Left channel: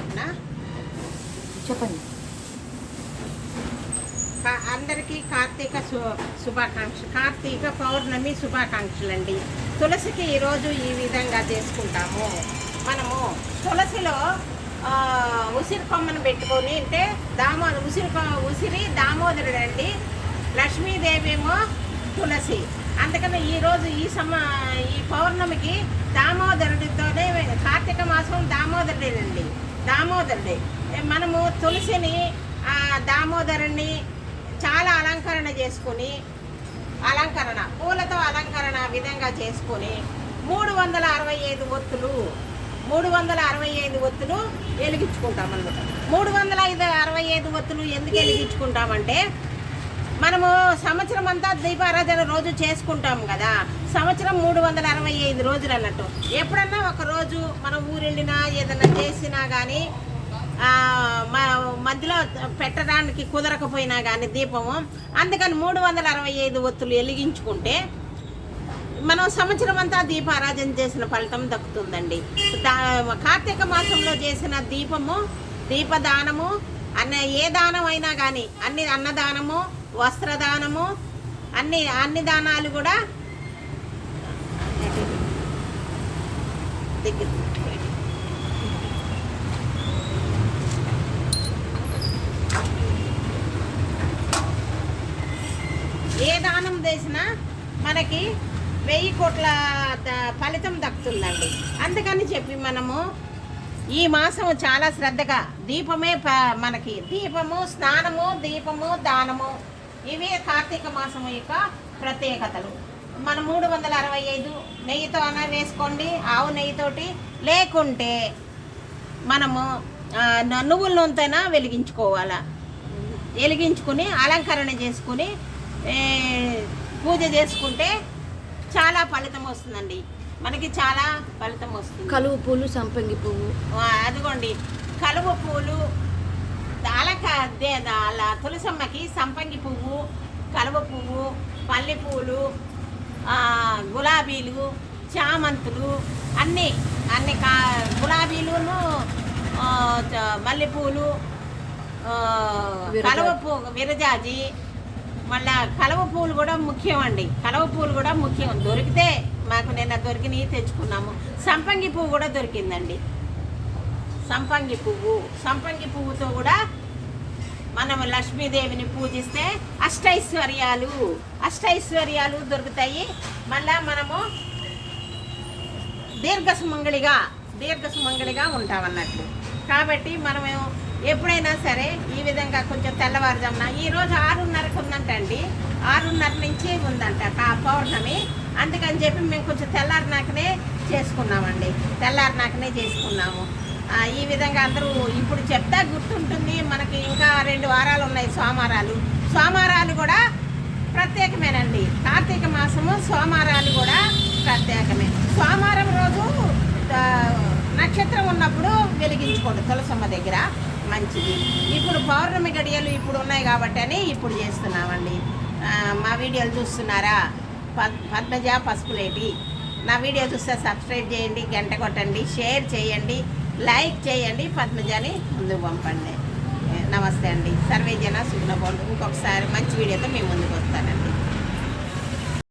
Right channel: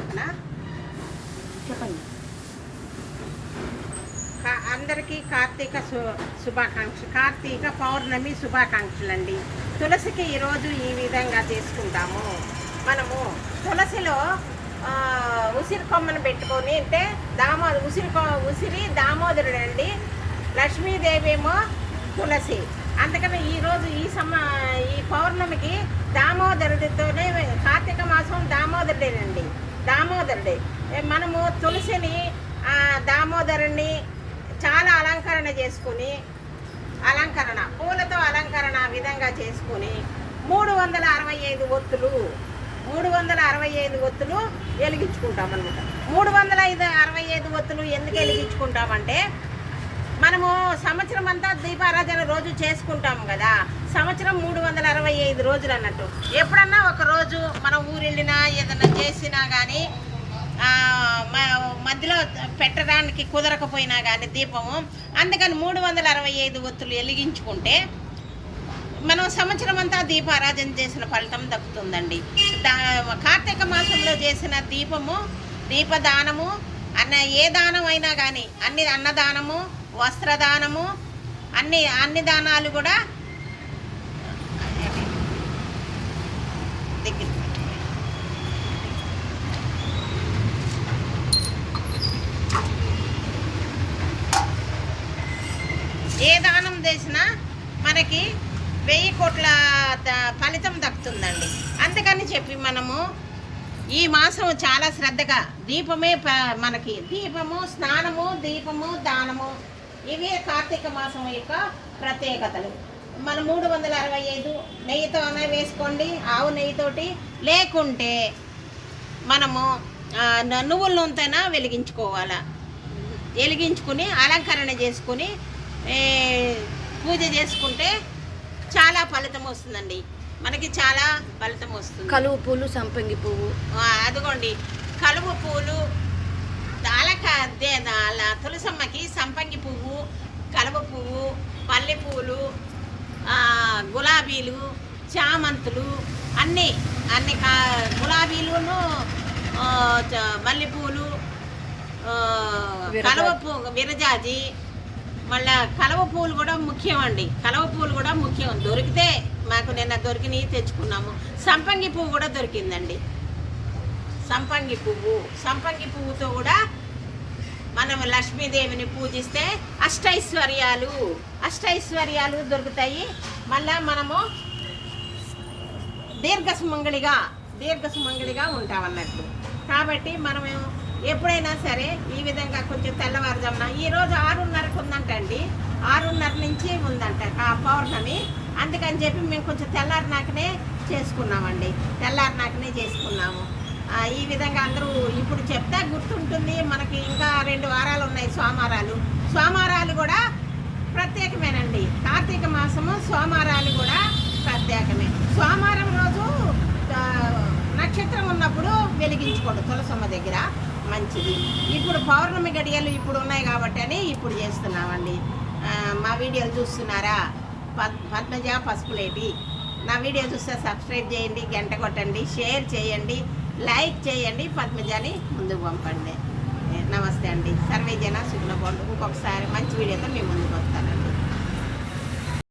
చెప్పనా? చెప్పండి. అందరికీ కార్తీక పౌర్ణమి శుభాకాంక్షలు అండి. తులసికి ఈరోజు ఈ విధంగా చేసుకుంటాము. మనము తులసిలో ఉసిరి కొమ్మను పెట్టుకొని అంటే ఉసిరి దామోదరుడు అండి, లక్ష్మీదేవి ఏమో తులసి. అందుకని ఈరోజు ఈ పౌర్ణమికి దామోదరుడితోనే, కార్తీక మాసం దామోదరుడేనండి, దామోదరుడే. మనము తులసిని దామోదరుణ్ణి చాలా అలంకరణ చేసుకుని, పూలతో అలంకరణ విధంగా చేసుకుని 365 ఒత్తులు వెలిగించుకుంటాం అనమాట. 365 ఒత్తులు ఎందుకు వెలిగించుకుంటామంటే, మనము సంవత్సరం అంతా దీపారాధన రోజు చేసుకుంటాం కదా, సంవత్సరం 365 రోజులు అన్నట్టు. ఎప్పుడన్నా ఒక రోజు మనం ఊరు వెళ్ళినా ఏదైనా చేసినా కానీ మధ్యలో పెట్టడానికి కుదరకపోయినా కానీ దీపము, అందుకని 365 ఒత్తులు వెలిగించుకుంటే మనం సంవత్సరం అంతా దీపారాధన చేసిన ఫలితం దక్కుతుందండి. కార్తీక మాసంలో చేసిన దీపదానము ఏ దానం అయినా కానీ, అన్నదానము, వస్త్రదానము, అన్ని దానాలు కూడా దగ్గర ఏ దానం చేసినా మనకి 1000 కోట్ల ఫలితం దక్కుతుందండి. అందుకని చెప్పి మనము ఈ మాసం చాలా శ్రద్ధగా దీపమే మనకి దీపము, స్నానము, దీపము, దానము, ఇవి కార్తీక మాసం యొక్క ప్రత్యేకతలు. మనం 365 నెయ్యితో అయినా వేసుకోండి, ఆవు నెయ్యితోటి, లేకుంటే మనము నువ్వుల నూనెతోనా వెలిగించుకుని అలంకరణ చేసుకుని పూజ చేసుకుంటే చాలా ఫలితం వస్తుందండి, మనకి చాలా ఫలితం వస్తుంది. కలువ పూలు, సంపంగి పువ్వు, అదిగోండి కలువ పూలు, అలా తులసమ్మకి సంపంగి పువ్వు, కలువ పువ్వు, పల్లె పువ్వులు, గులాబీలు, చామంతులు, అన్నీ గులాబీలును, మల్లెపూలు, కలువ పువ్వు, విరజాజి, మళ్ళా కలువ పూలు కూడా ముఖ్యం అండి. కలువ పూలు కూడా ముఖ్యం. దొరికితే మాకు నిన్న దొరికినవి తెచ్చుకున్నాము. సంపంగి పువ్వు కూడా దొరికిందండి. సంపంగి పువ్వుతో కూడా మనం లక్ష్మీదేవిని పూజిస్తే అష్టైశ్వర్యాలు దొరుకుతాయి. మళ్ళా మనము దీర్ఘసుమంగళిగా ఉంటామన్నట్లు. కాబట్టి మనము ఎప్పుడైనా సరే ఈ విధంగా కొంచెం తెల్లవారుజామున, ఈరోజు 6:30కు ఉందంటండి, 6:30 నుంచి ఉందంట పౌర్ణమి. అందుకని చెప్పి మేము కొంచెం తెల్లారినాకనే చేసుకున్నాము. ఈ విధంగా అందరూ ఇప్పుడు చెప్తా గుర్తుంటుంది. మనకి ఇంకా 2 వారాలు ఉన్నాయి సోమవారాలు కూడా ప్రత్యేకమేనండి. కార్తీక మాసము సోమవారాలు కూడా ప్రత్యేకమే. సోమవారం రోజు నక్షత్రం ఉన్నప్పుడు వెలిగించుకోండి తులసమ్మ దగ్గర, మంచిది. ఇప్పుడు పౌర్ణమి గడియలు ఇప్పుడు ఉన్నాయి కాబట్టి అని ఇప్పుడు చేస్తున్నామండి. మా వీడియోలు చూస్తున్నారా? పద్మజ పసుపులేటి. నా వీడియో చూస్తే సబ్స్క్రైబ్ చేయండి, గంట కొట్టండి, షేర్ చేయండి, లైక్ చేయండి, పద్మజని ముందుకు పంపండి. నమస్తే అండి. సర్వే జన సుగుణ బాగుంటుంది. ఇంకొకసారి మంచి వీడియోతో మేము ముందుకు వస్తాను.